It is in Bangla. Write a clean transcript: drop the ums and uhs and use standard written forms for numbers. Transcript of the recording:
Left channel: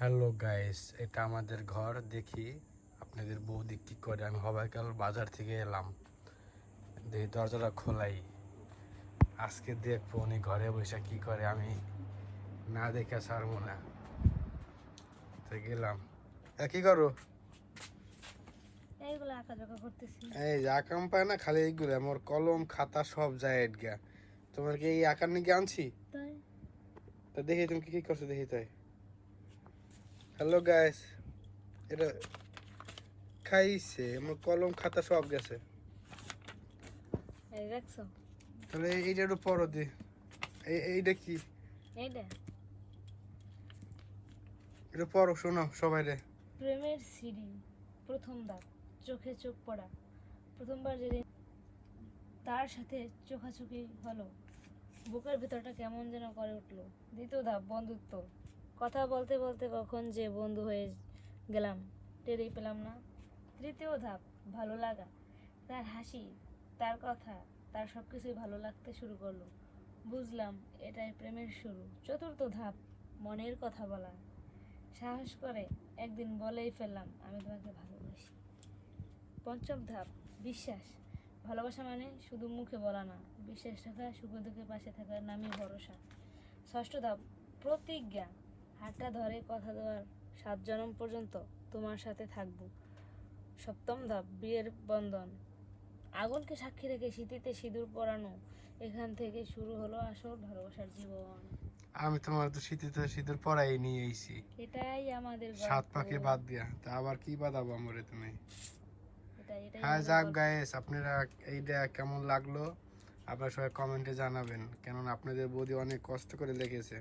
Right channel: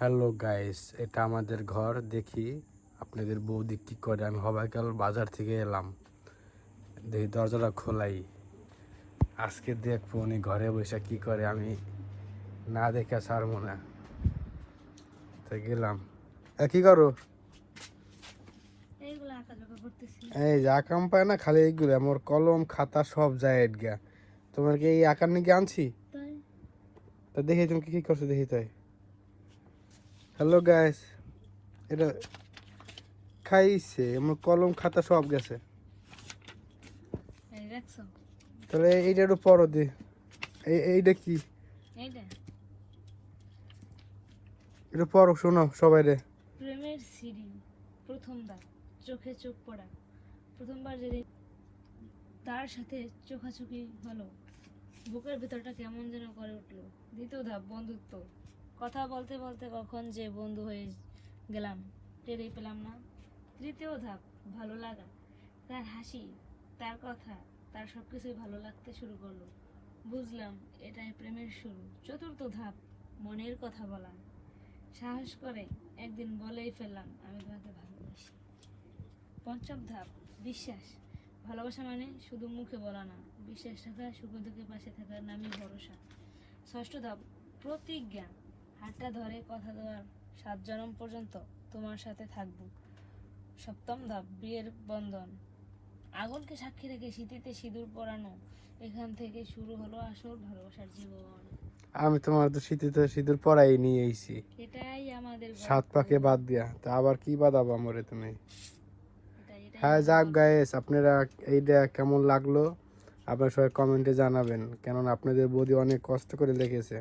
হ্যালো গাইস, এটা আমাদের ঘর। দেখি আপনাদের বৌদি কি করে। আমি হবাইকাল বাজার থেকে এলাম, দেখি দরজাটা খোলাই। আজকে দেখবো উনি ঘরে বসে কি করে, আমি না দেখে ছাড়বো না। তো গেলাম। কি করো? এই যে আকাম পায় না, খালি এইগুলো আমার কলম খাতা সব যায় এডগা। তোমার কি এই আকার নাকি আনছি? তা দেখি তুমি কি করছো, দেখি তাই। হ্যালো গাইস, এটা খাইছে আমার কলম খাতা সব গেছে। তাহলে এইটা একটু পরো দি। এইটা কি? এটা পরো, শোনো সবাই রে। প্রেমের সিঁড়ি, প্রথম ধাপ, চোখে চোখ পড়া। প্রথমবার যেদিন তার সাথে চোখাচোখি হলো, বুকের ভিতরটা কেমন যেন করে উঠলো। দ্বিতীয় ধাপ, বন্ধুত্ব। কথা বলতে বলতে কখন যে বন্ধু হয়ে গেলাম টেরই পেলাম না। তৃতীয় ধাপ, ভালো লাগা। তার হাসি, তার কথা, তার সবকিছুই ভালো লাগতে শুরু করলো। বুঝলাম এটাই প্রেমের শুরু। চতুর্থ ধাপ, মনের কথা বলা। সাহস করে একদিন বলেই ফেললাম, আমি তোমাকে ভালোবাসি। পঞ্চম ধাপ, বিশ্বাস। ভালোবাসা মানে শুধু মুখে বলা না, বিশ্বাস রাখা, সুখে দুঃখে পাশে থাকার নামই ভরসা। ষষ্ঠ ধাপ, প্রতিজ্ঞা। হাতটা ধরে কথা দেওয়ার, 7 জনম পর্যন্ত তোমার সাথে থাকবো। সপ্তম ধাপ, বিয়ের বন্ধন। আগুনকে সাক্ষী রেখে স্মৃতিতে সিঁদুর পরানো। এখান থেকে শুরু হলো আসল ভালোবাসার জীবন। আমি তোমার তো শীতে সিঁদুর পরাই নিয়ে আইছি, এটাই আমাদের সাত গল্প। পাকে বাদ দিয়া। তা আবার কি বাদাবো আমরে তুমি? এটাই হ্যাঁ, আমাদের যাক গল্প। গাইস, আপনারা এইটা কেমন লাগলো আপনারা সবাই কমেন্টে জানাবেন, কেননা আপনাদের বৌদি অনেক কষ্ট করে লিখেছে।